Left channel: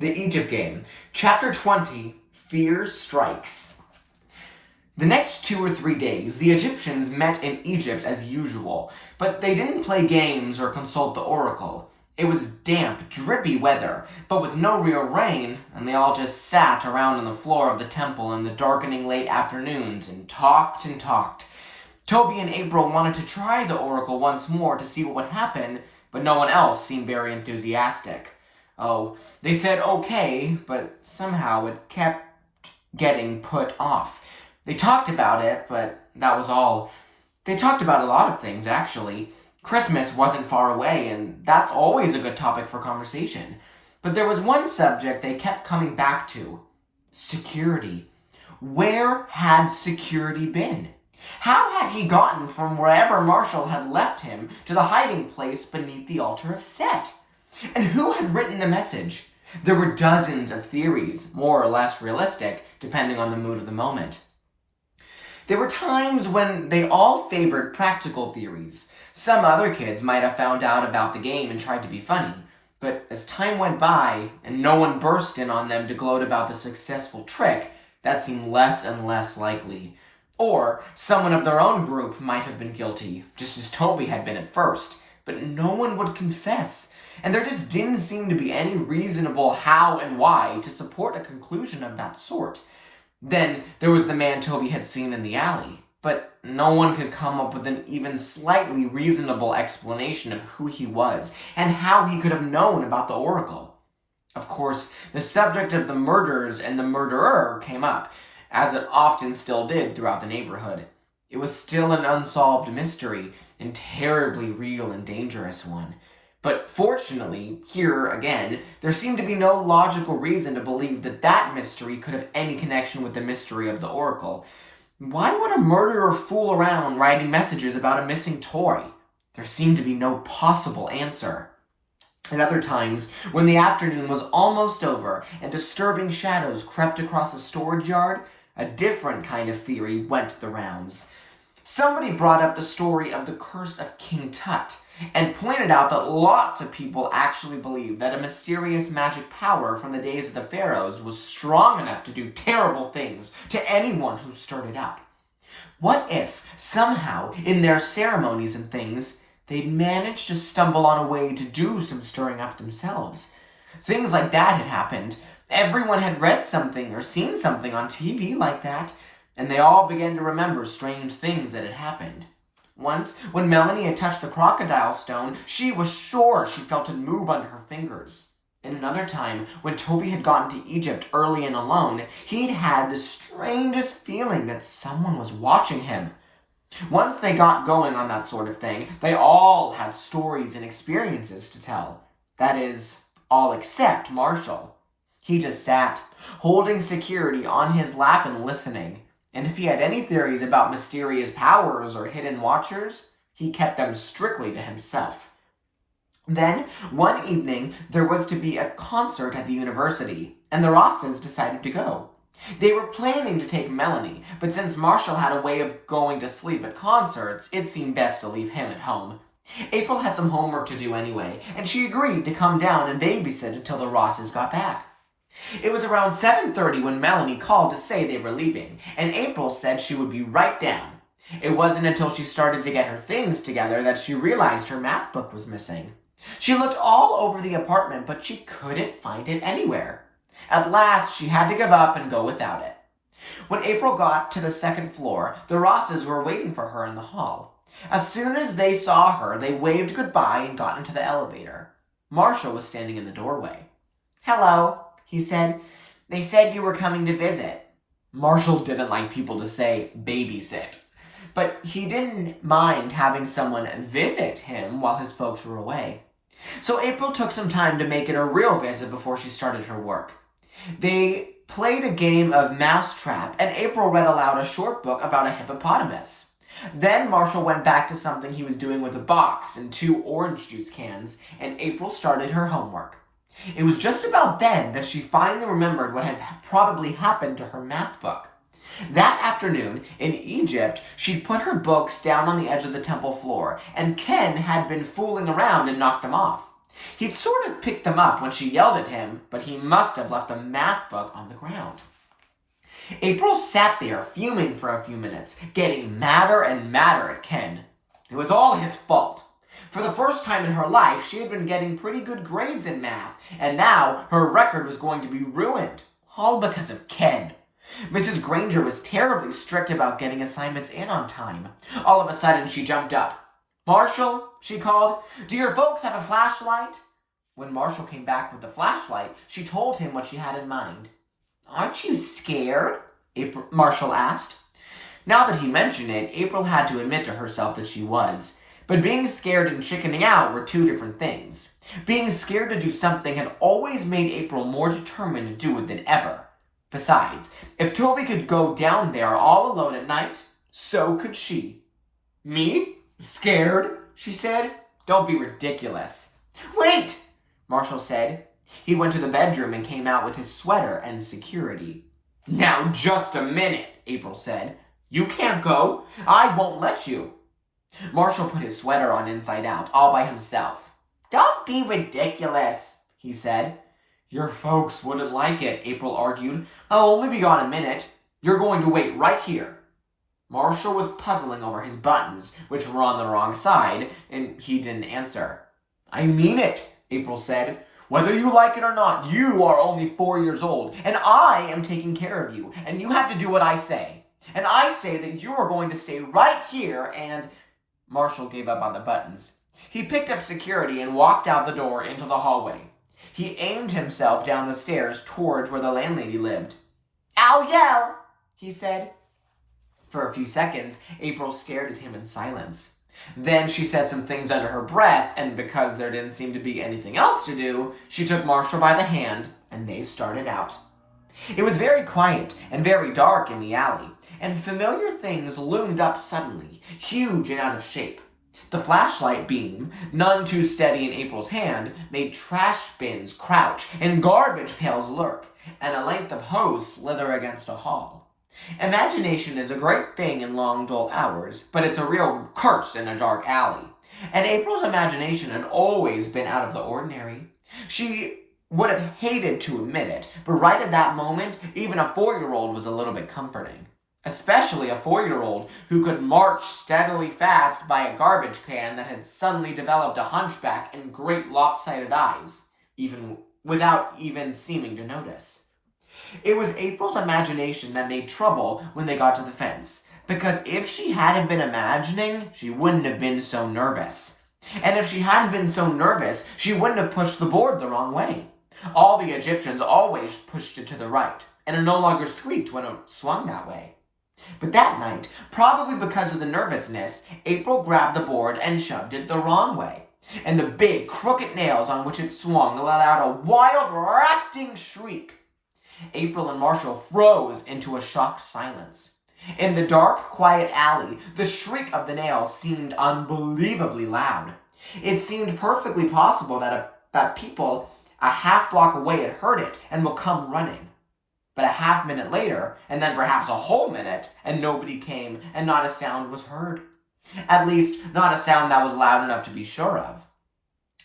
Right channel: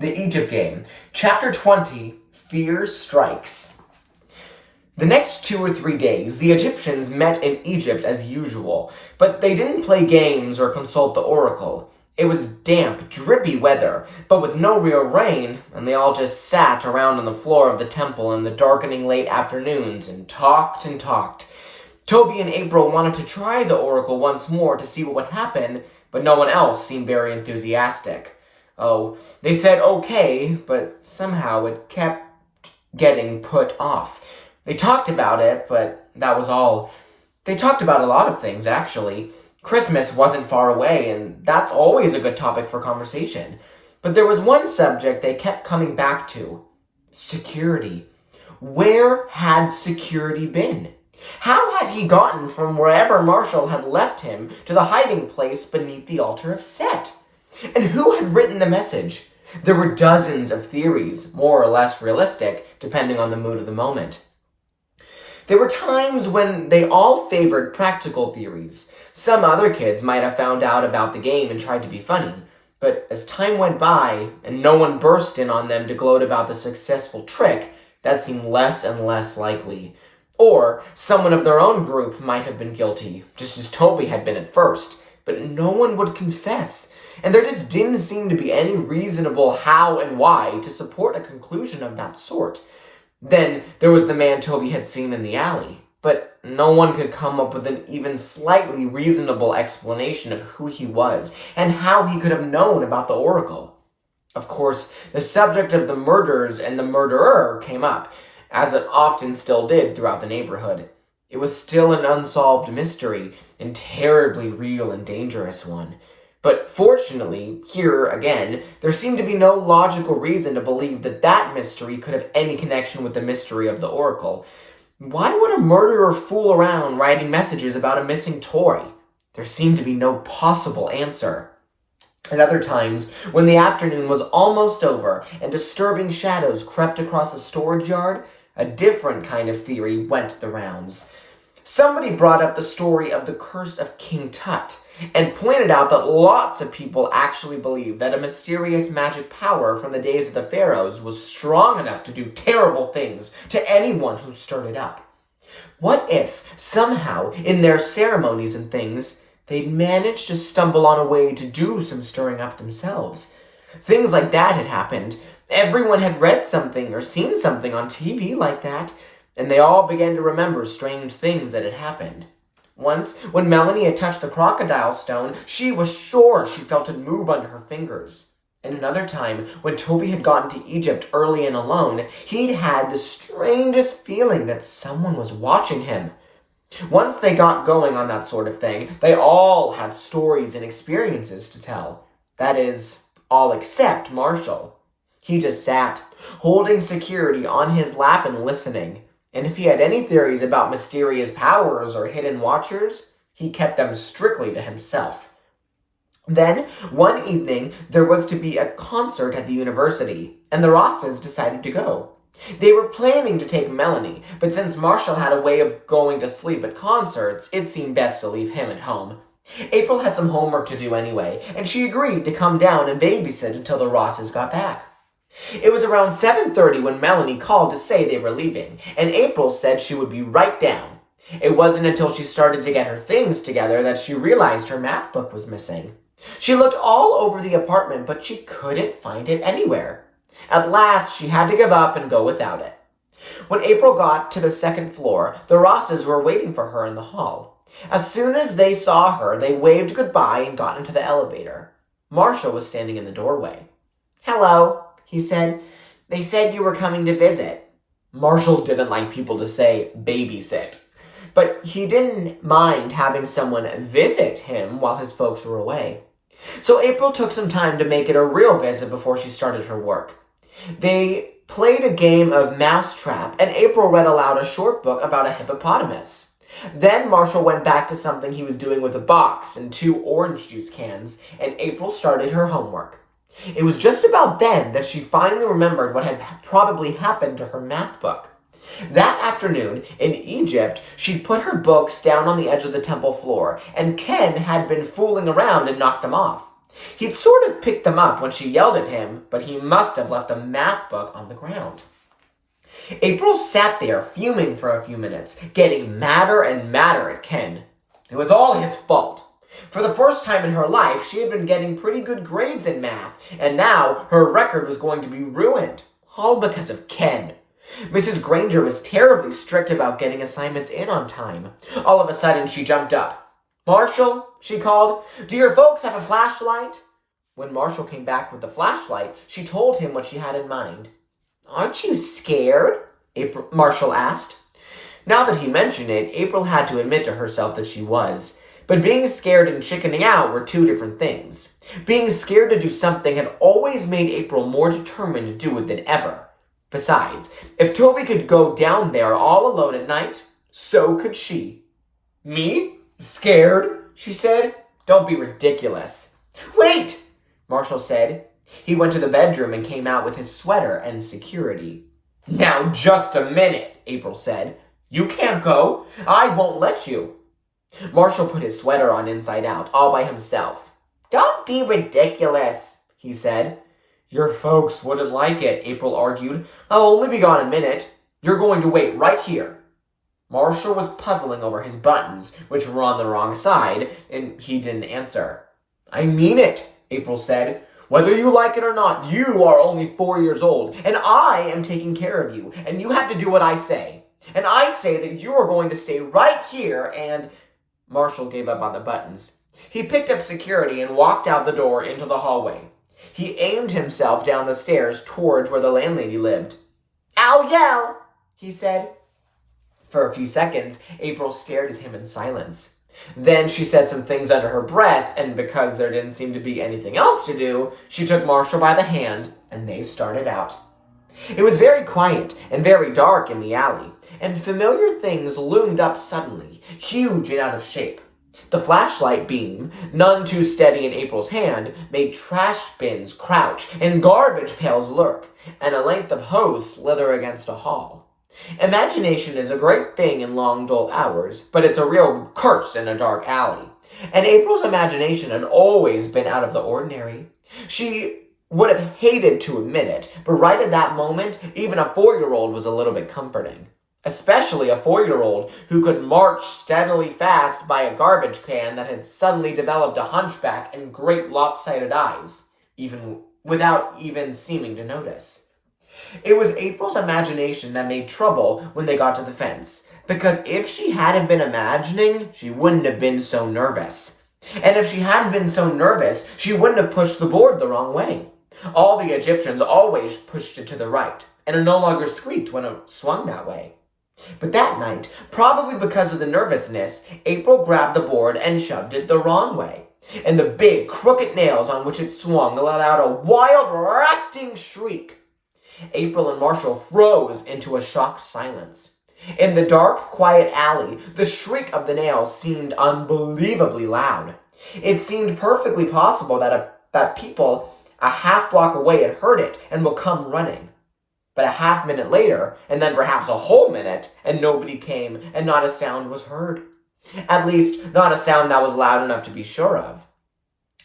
The Egypt Game, Chapter 20, Fear Strikes. The next 2 or 3 days, the Egyptians met in Egypt as usual, but they didn't play games or consult the oracle. It was damp, drippy weather, but with no real rain, and they all just sat around on the floor of the temple in the darkening late afternoons and talked and talked. Toby and April wanted to try the oracle once more to see what would happen, but no one else seemed very enthusiastic. Oh, they said okay, but somehow it kept getting put off. They talked about it, but that was all. They talked about a lot of things, actually. Christmas wasn't far away, and that's always a good topic for conversation. But there was one subject they kept coming back to. Security. Where had security been? How had he gotten from wherever Marshall had left him to the hiding place beneath the altar of Set? And who had written the message? There were dozens of theories, more or less realistic, depending on the mood of the moment. There were times when they all favored practical theories. Some other kids might have found out about the game and tried to be funny, but as time went by and no one burst in on them to gloat about the successful trick, that seemed less and less likely. Or someone of their own group might have been guilty, just as Toby had been at first, but no one would confess. And there just didn't seem to be any reasonable how and why to support a conclusion of that sort. Then there was the man Toby had seen in the alley, but no one could come up with an even slightly reasonable explanation of who he was and how he could have known about the oracle. Of course, the subject of the murders and the murderer came up, as it often still did throughout the neighborhood. It was still an unsolved mystery, and terribly real and dangerous one. But fortunately, here again, there seemed to be no logical reason to believe that that mystery could have any connection with the mystery of the oracle. Why would a murderer fool around writing messages about a missing toy? There seemed to be no possible answer. At other times, when the afternoon was almost over and disturbing shadows crept across the storage yard, a different kind of theory went the rounds. Somebody brought up the story of the curse of King Tut, and pointed out that lots of people actually believed that a mysterious magic power from the days of the pharaohs was strong enough to do terrible things to anyone who stirred it up. What if, somehow, in their ceremonies and things, they'd managed to stumble on a way to do some stirring up themselves? Things like that had happened. Everyone had read something or seen something on TV like that, and they all began to remember strange things that had happened. Once, when Melanie had touched the crocodile stone, she was sure she felt it move under her fingers. And another time, when Toby had gotten to Egypt early and alone, he'd had the strangest feeling that someone was watching him. Once they got going on that sort of thing, they all had stories and experiences to tell. That is, all except Marshall. He just sat, holding security on his lap and listening. And if he had any theories about mysterious powers or hidden watchers, he kept them strictly to himself. Then, one evening, there was to be a concert at the university, and the Rosses decided to go. They were planning to take Melanie, but since Marshall had a way of going to sleep at concerts, it seemed best to leave him at home. April had some homework to do anyway, and she agreed to come down and babysit until the Rosses got back. It was around 7:30 when Melanie called to say they were leaving, and April said she would be right down. It wasn't until she started to get her things together that she realized her math book was missing. She looked all over the apartment, but she couldn't find it anywhere. At last, she had to give up and go without it. When April got to the second floor, the Rosses were waiting for her in the hall. As soon as they saw her, they waved goodbye and got into the elevator. Marshall was standing in the doorway. "Hello," he said. "They said you were coming to visit." Marshall didn't like people to say babysit, but he didn't mind having someone visit him while his folks were away. So April took some time to make it a real visit before she started her work. They played a game of mousetrap, and April read aloud a short book about a hippopotamus. Then Marshall went back to something he was doing with a box and 2 orange juice cans, and April started her homework. It was just about then that she finally remembered what had probably happened to her math book. That afternoon, in Egypt, she put her books down on the edge of the temple floor, and Ken had been fooling around and knocked them off. He'd sort of picked them up when she yelled at him, but he must have left the math book on the ground. April sat there fuming for a few minutes, getting madder and madder at Ken. It was all his fault. For the first time in her life, she had been getting pretty good grades in math, and now her record was going to be ruined. All because of Ken. Mrs. Granger was terribly strict about getting assignments in on time. All of a sudden, she jumped up. "Marshall," she called, "do your folks have a flashlight?" When Marshall came back with the flashlight, she told him what she had in mind. "Aren't you scared?" Marshall asked. Now that he mentioned it, April had to admit to herself that she was. But being scared and chickening out were two different things. Being scared to do something had always made April more determined to do it than ever. Besides, if Toby could go down there all alone at night, so could she. "Me? Scared?" she said. "Don't be ridiculous." "Wait," Marshall said. He went to the bedroom and came out with his sweater and security. "Now, just a minute," April said. "You can't go. I won't let you." Marshall put his sweater on inside out, all by himself. "Don't be ridiculous," he said. "Your folks wouldn't like it," April argued. "I'll only be gone a minute. You're going to wait right here." Marshall was puzzling over his buttons, which were on the wrong side, and he didn't answer. "I mean it," April said. "Whether you like it or not, you are only 4 years old, and I am taking care of you, and you have to do what I say. And I say that you are going to stay right here and—" Marshall gave up on the buttons. He picked up security and walked out the door into the hallway. He aimed himself down the stairs towards where the landlady lived. "I'll yell," he said. For a few seconds, April stared at him in silence. Then she said some things under her breath, and because there didn't seem to be anything else to do, she took Marshall by the hand, and they started out. It was very quiet and very dark in the alley, and familiar things loomed up suddenly, huge and out of shape. The flashlight beam, none too steady in April's hand, made trash bins crouch and garbage pails lurk, and a length of hose slither against a hall. Imagination is a great thing in long, dull hours, but it's a real curse in a dark alley. And April's imagination had always been out of the ordinary. She would have hated to admit it, but right at that moment, even a 4-year-old was a little bit comforting. Especially a 4-year-old who could march steadily fast by a garbage can that had suddenly developed a hunchback and great lopsided eyes, even without even seeming to notice. It was April's imagination that made trouble when they got to the fence, because if she hadn't been imagining, she wouldn't have been so nervous. And if she hadn't been so nervous, she wouldn't have pushed the board the wrong way. All the Egyptians always pushed it to the right, and it no longer squeaked when it swung that way. But that night, probably because of the nervousness, April grabbed the board and shoved it the wrong way. And the big, crooked nails on which it swung let out a wild, rasping shriek. April and Marshall froze into a shocked silence. In the dark, quiet alley, the shriek of the nails seemed unbelievably loud. It seemed perfectly possible that people a half block away had heard it and would come running. But a half minute later, and then perhaps a whole minute, and nobody came, and not a sound was heard. At least, not a sound that was loud enough to be sure of.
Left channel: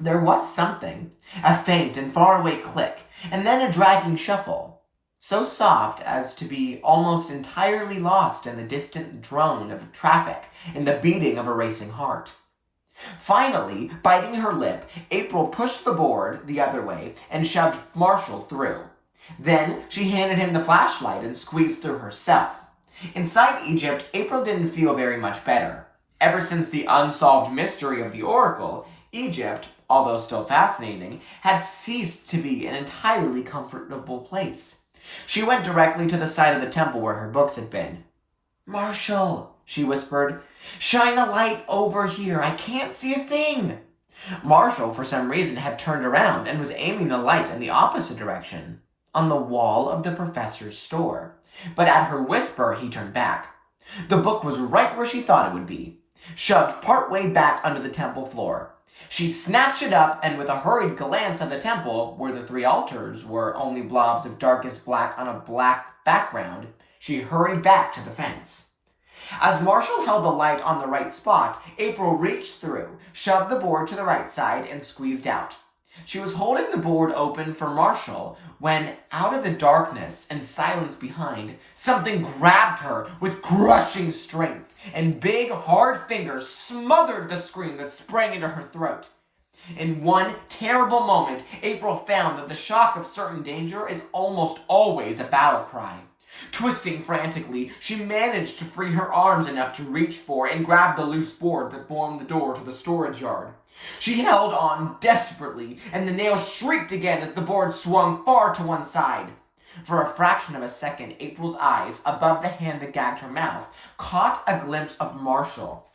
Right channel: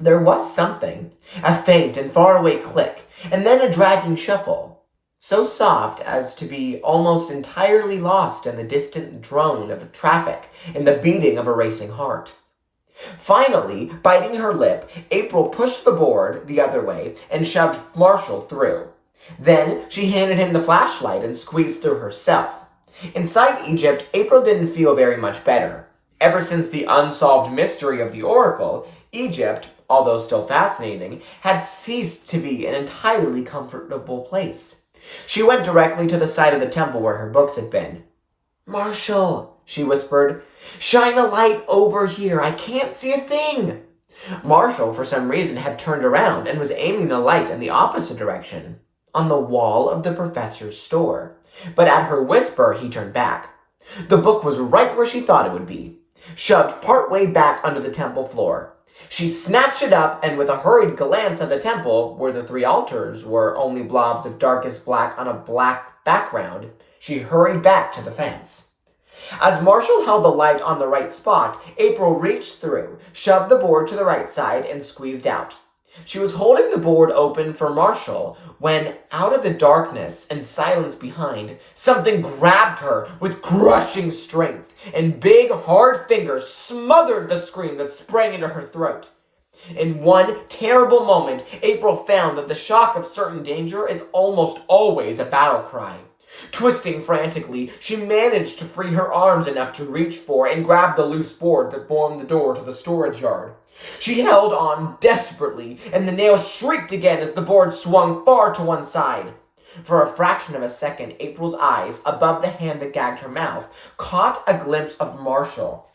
There was something, a faint and faraway click, and then a dragging shuffle, so soft as to be almost entirely lost in the distant drone of traffic and the beating of a racing heart. Finally, biting her lip, April pushed the board the other way and shoved Marshall through. Then she handed him the flashlight and squeezed through herself. Inside Egypt, April didn't feel very much better. Ever since the unsolved mystery of the oracle, Egypt, although still fascinating, had ceased to be an entirely comfortable place. She went directly to the side of the temple where her books had been. "Marshall," she whispered, "shine a light over here. I can't see a thing." Marshall, for some reason, had turned around and was aiming the light in the opposite direction, on the wall of the professor's store. But at her whisper, he turned back. The book was right where she thought it would be, shoved partway back under the temple floor. She snatched it up, and with a hurried glance at the temple, where the 3 altars were only blobs of darkest black on a black background, she hurried back to the fence. As Marshall held the light on the right spot, April reached through, shoved the board to the right side, and squeezed out. She was holding the board open for Marshall when, out of the darkness and silence behind, something grabbed her with crushing strength, and big, hard fingers smothered the scream that sprang into her throat. In one terrible moment, April found that the shock of certain danger is almost always a battle cry. Twisting frantically, she managed to free her arms enough to reach for and grab the loose board that formed the door to the storage yard. She held on desperately, and the nails shrieked again as the board swung far to one side. For a fraction of a second, April's eyes, above the hand that gagged her mouth, caught a glimpse of Marshall,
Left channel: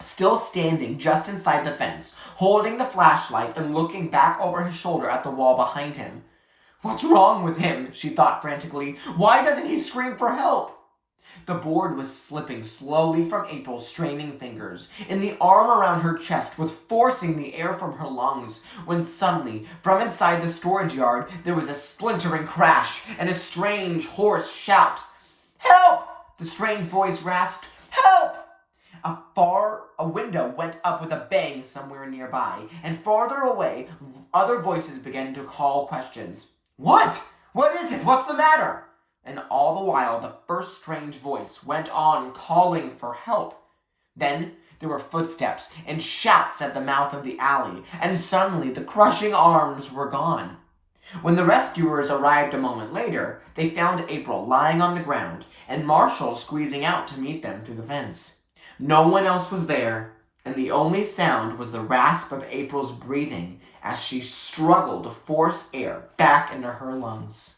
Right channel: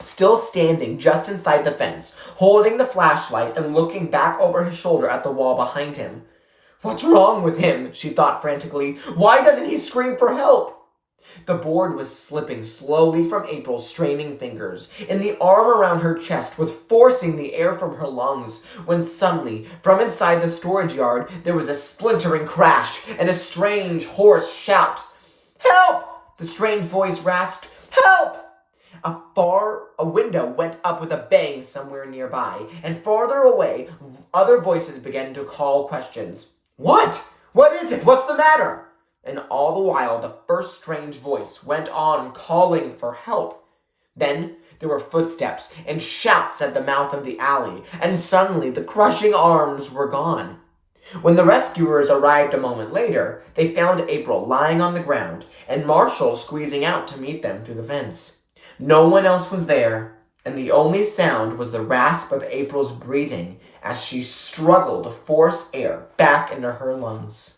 still standing just inside the fence, holding the flashlight and looking back over his shoulder at the wall behind him. "What's wrong with him?" she thought frantically. "Why doesn't he scream for help?" The board was slipping slowly from April's straining fingers, and the arm around her chest was forcing the air from her lungs, when suddenly, from inside the storage yard, there was a splintering crash and a strange, hoarse shout. "Help!" the strange voice rasped. "Help!" A window went up with a bang somewhere nearby, and farther away, other voices began to call questions. "What? What is it? What's the matter?" And all the while, the first strange voice went on calling for help. Then there were footsteps and shouts at the mouth of the alley, and suddenly the crushing arms were gone. When the rescuers arrived a moment later, they found April lying on the ground and Marshall squeezing out to meet them through the fence. No one else was there, and the only sound was the rasp of April's breathing as she struggled to force air back into her lungs.